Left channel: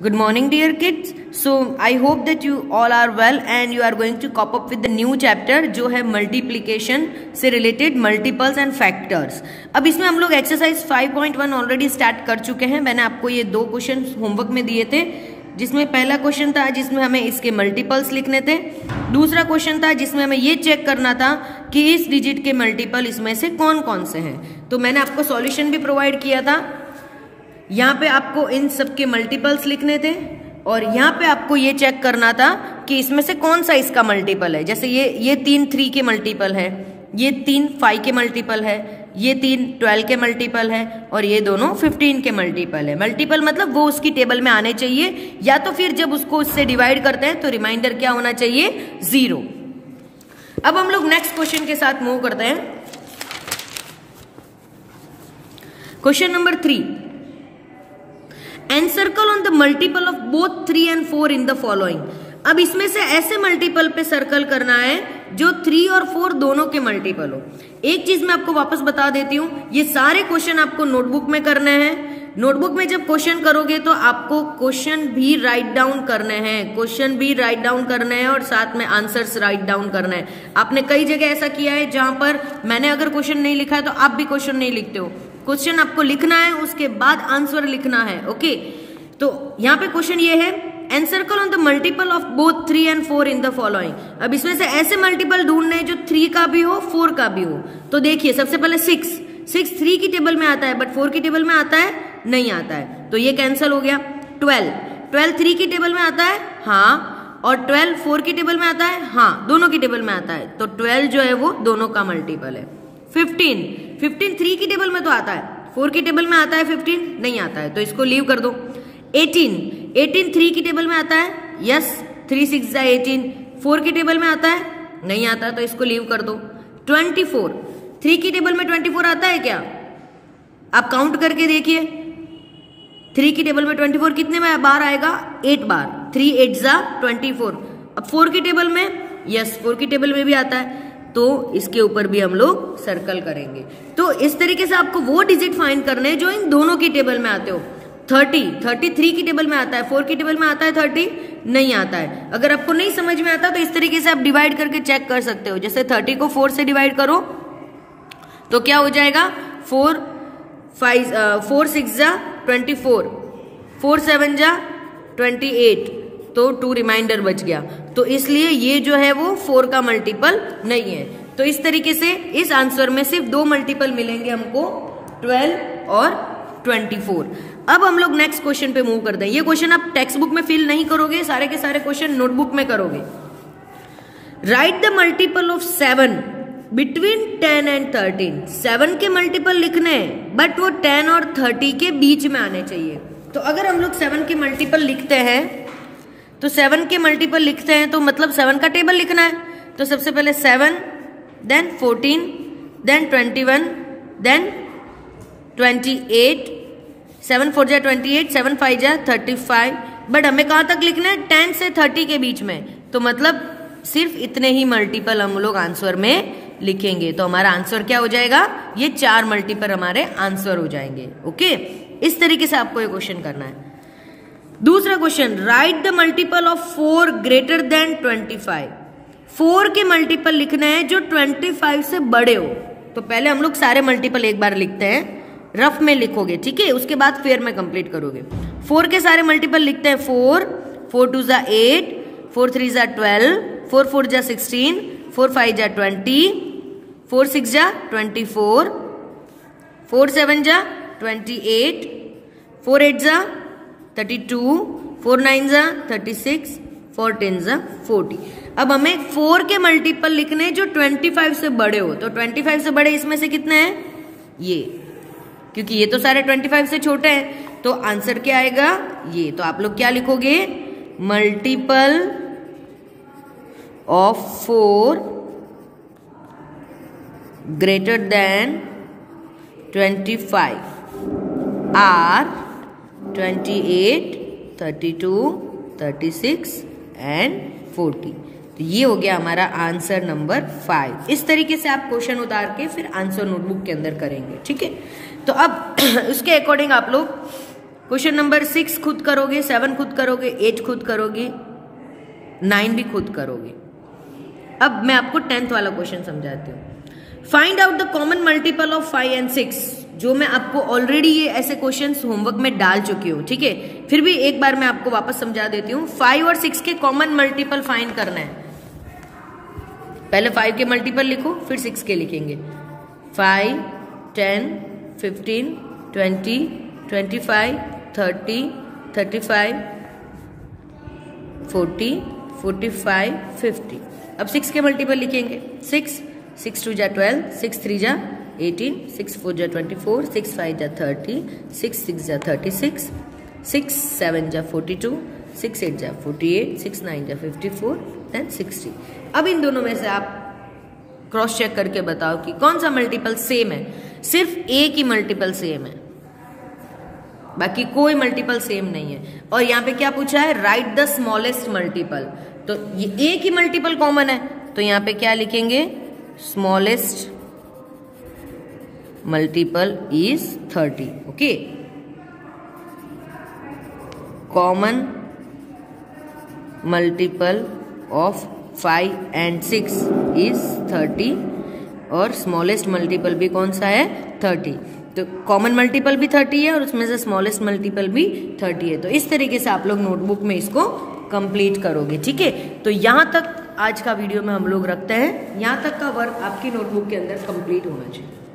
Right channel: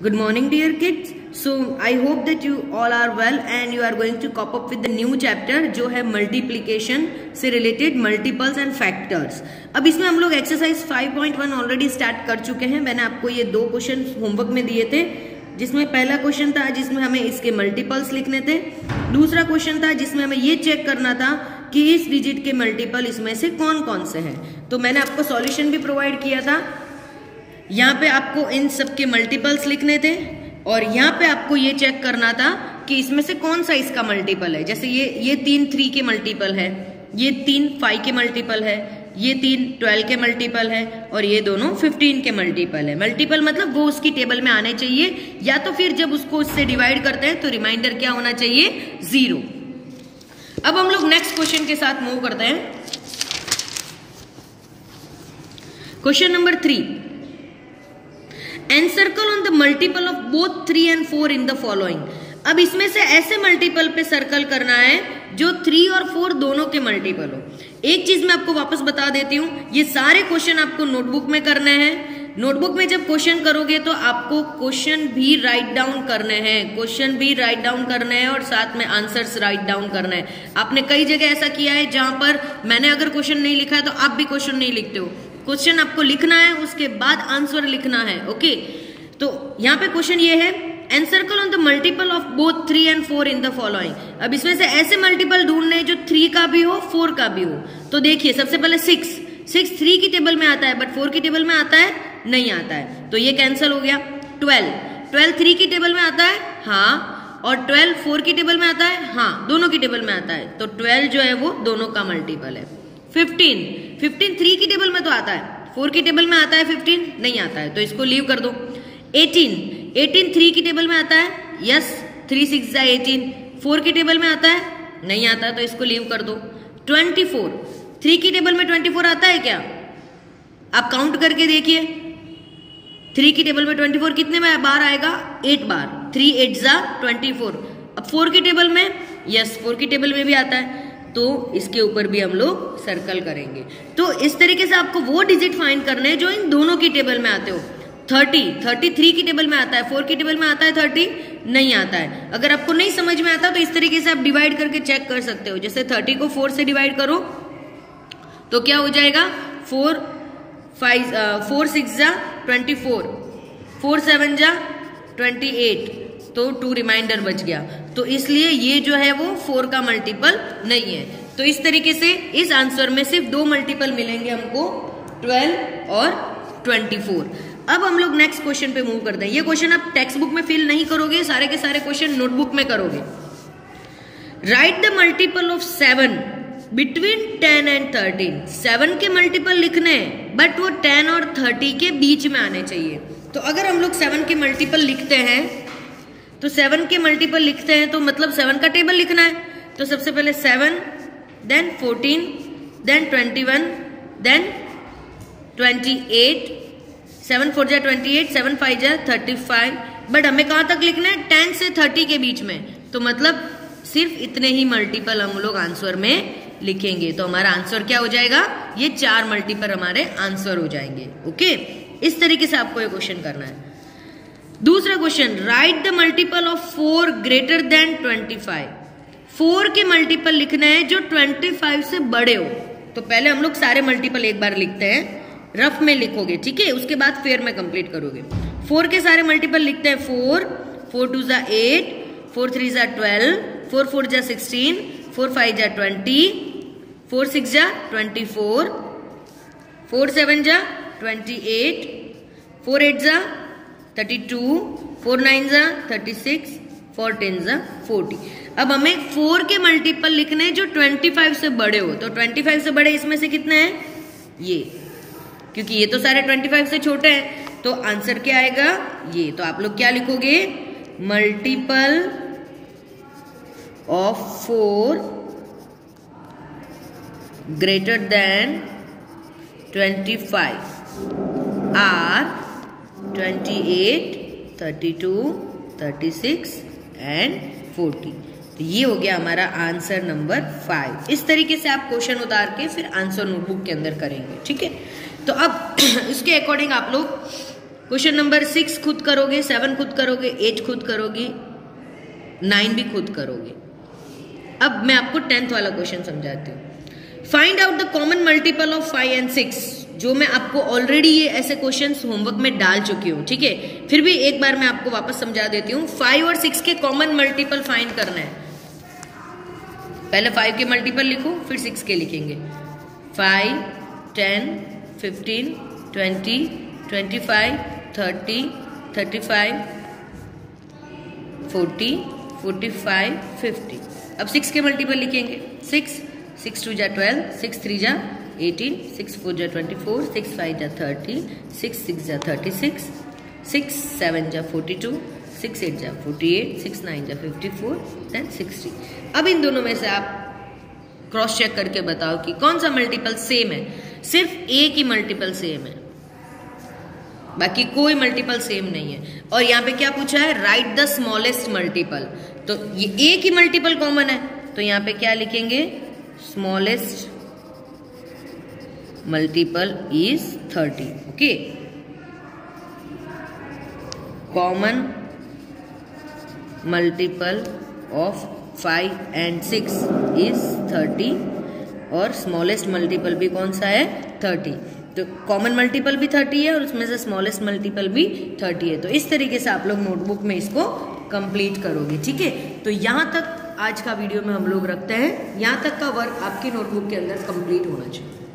Good morning dear kids. So I hope that you all are well and you are going to cope up with the new chapter जो है multiplication से related multiples and factors. अब इसमें हम लोग exercise 5.1 already start कर चुके हैं. मैंने आपको ये दो क्वेश्चन होमवर्क में दिए थे, जिसमें पहला क्वेश्चन था जिसमें हमें इसके मल्टीपल्स लिखने थे. दूसरा क्वेश्चन था जिसमें हमें ये चेक करना था कि इस डिजिट के मल्टीपल इसमें से कौन कौन से हैं. तो मैंने आपको सॉल्यूशन भी प्रोवाइड किया था. यहाँ पे आपको इन सब के मल्टीपल्स लिखने थे और यहाँ पे आपको ये चेक करना था कि इसमें से कौन सा इसका मल्टीपल है. जैसे ये 3 3 के मल्टीपल है, ये 3 5 के मल्टीपल है, ये 3 12 के मल्टीपल है और ये दोनों 15 के मल्टीपल है. मल्टीपल मतलब वो उसकी टेबल में आने चाहिए, या तो फिर जब उसको उससे डिवाइड करते हैं तो रिमाइंडर क्या होना चाहिए, 0. अब हम लोग नेक्स्ट क्वेश्चन के साथ मूव करते हैं. Question number 3. Encircle on the multiple of both 3 and 4 in the following. अब इसमें से ऐसे मल्टीपल पे सर्कल करना है जो 3 और 4 दोनों के मल्टीपल हो. एक चीज मैं आपको वापस बता देती हूं, ये सारे क्वेश्चन आपको नोटबुक में करने हैं. नोटबुक में जब क्वेश्चन करोगे तो आपको क्वेश्चन भी राइट डाउन करने हैं, क्वेश्चन भी राइट डाउन करने हैं और साथ में आंसर्स राइट डाउन करने हैं. आपने कई जगह ऐसा किया है जहां पर मैंने अगर क्वेश्चन नहीं लिखा है तो आप भी क्वेश्चन नहीं लिखते हो. क्वेश्चन आपको लिखना है, उसके बाद आंसर लिखना है. ओके, तो यहाँ पे क्वेश्चन ये है, encircle on the multiple of both 3 and 4 in the following. अब इसमें से ऐसे मल्टीपल ढूंढने जो 3 का भी हो 4 का भी हो. तो देखिए सबसे पहले 6 3 की टेबल में आता है बट 4 की टेबल में आता है, नहीं आता है, तो ये कैंसिल हो गया. 12 3 की टेबल में आता है, हाँ, और 12 4 की टेबल में आता है, हाँ, दोनों की टेबल में आता है, तो 12 जो है वो दोनों का मल्टीपल है. 15 3 की टेबल में तो आता है, 4 की टेबल में आता है 15 नहीं आता है, तो इसको लीव कर दो. 18 3 की टेबल में आता है, यस, 3 6 18. 4 की टेबल में आता है, नहीं आता, तो इसको लीव कर दो. 24 3 की टेबल में 24 आता है क्या? आप काउंट करके देखिए, 3 की टेबल में 24 कितने बार आएगा, 8 बार. 3 8 24. अब 4 की टेबल में, यस, 4 की टेबल में भी आता है, तो इसके ऊपर भी हम लोग सर्कल करेंगे. तो इस तरीके से आपको वो डिजिट फाइंड करने हैं जो इन दोनों की टेबल में आते हो. 33 की टेबल में आता है, 4 की टेबल में आता है 30 नहीं आता है. अगर आपको नहीं समझ में आता तो इस तरीके से आप डिवाइड करके चेक कर सकते हो. जैसे 30 को 4 से डिवाइड करो तो क्या हो जाएगा, 4 6 24, 4 7 28, तो 2 रिमाइंडर बच गया. तो इसलिए ये जो है वो 4 का मल्टीपल नहीं है. तो इस तरीके से इस आंसर में सिर्फ 2 मल्टीपल मिलेंगे हमको, 12 और 24. अब हम लोग नेक्स्ट क्वेश्चन पे मूव करते हैं. ये क्वेश्चन आप टेक्स्ट बुक में फिल नहीं करोगे, सारे के सारे क्वेश्चन नोटबुक में करोगे. Right the multiple of 7 between 10 and 13. 7 के मल्टीपल लिखने हैं बट वो 10 और 30 के बीच में आने चाहिए. तो अगर हम लोग 7 के मल्टीपल लिखते हैं तो 7 के मल्टीपल लिखते हैं तो मतलब 7 का टेबल लिखना है. तो सबसे पहले 7, देन 14, देन 21, देन 28, 7 4 28, 7 5 35. बट हमें कहां तक लिखना है, 10 से 30 के बीच में. तो मतलब सिर्फ इतने ही मल्टीपल हम लोग आंसर में लिखेंगे. तो हमारा आंसर क्या हो जाएगा, ये 4 मल्टीपल हमारे आंसर हो जाएंगे. ओके, इस तरीके से आपको ये क्वेश्चन करना है. दूसरा question, right the multiple of 4 greater than 25. 4 के मल्टीपल लिखने हैं जो 25 से बड़े हो. तो पहले हम लोग सारे मल्टीपल एक बार लिखते हैं, रफ में लिखोगे, ठीक है, उसके बाद फेयर में कंप्लीट करोगे. 4 के सारे मल्टीपल लिखते हैं, 4 2 8, 4 3 12, 4 4 16, 4 5 20, 4 6 24, 4 7 28, 4 8 32, 4 9 36, 4 10 40. अब हमें 4 के मल्टीपल लिखने जो 25 से बड़े हो. तो 25 से बड़े इसमें से कितने हैं, ये, क्योंकि ये तो सारे 25 से छोटे हैं, तो आंसर क्या आएगा, ये. तो आप लोग क्या लिखोगे, multiple of 4 greater than 25 or 28, 32, 36 and 40. तो ये हो गया हमारा आंसर नंबर 5. इस तरीके से आप क्वेश्चन उतार के फिर आंसर नोटबुक के अंदर करेंगे, ठीक है. तो अब उसके अकॉर्डिंग आप लोग क्वेश्चन नंबर 6 खुद करोगे, 7 खुद करोगे, 8 खुद करोगे, 9 भी खुद करोगे। अब मैं आपको 10th वाला क्वेश्चन समझाती हूँ। Find out the common multiple of 5 and 6, जो मैं आपको ऑलरेडी ये ऐसे क्वेश्चंस होमवर्क में डाल चुकी हूँ, ठीक है, फिर भी एक बार मैं आपको वापस समझा देती हूँ। 5 और 6 के कॉमन मल्टीपल फाइंड करना है। पहले 5 के मल्टीपल लिखो, फिर 6 के लिखेंगे। 5, 10, 15, 20, 25, 30, 35, 40, 45, 50। अब 6 के मल्टीपल लिखेंगे। 6 2 जा 12, 6 3 जा 18, 6 4 जा 24, 6 5 जा 30, 6 6 जा 36, 6 7 जा 42, 6 8 जा 48, 6 9 जा 54, then 60। अब इन दोनों में से आप क्रॉस चेक करके बताओ कि कौन सा मल्टीपल सेम है। सिर्फ एक ही मल्टीपल सेम है, बाकी कोई मल्टीपल सेम नहीं है। और यहाँ पे क्या पूछा है, राइट द स्मॉलेस्ट मल्टीपल। तो ये एक ही मल्टीपल कॉमन है, तो यहाँ पे क्या लिखेंगे, smallest multiple is 30। Okay, common multiple of 5 and 6 is 30 और स्मॉलेस्ट मल्टीपल भी कौन सा है, 30। तो कॉमन मल्टीपल भी 30 है और उसमें से स्मॉलेस्ट मल्टीपल भी 30 है। तो इस तरीके से आप लोग नोटबुक में इसको कंप्लीट करोगे, ठीक है। तो यहां तक आज का वीडियो में हम लोग रखते हैं। यहां तक का वर्क आपकी नोटबुक के अंदर कंप्लीट होना चाहिए।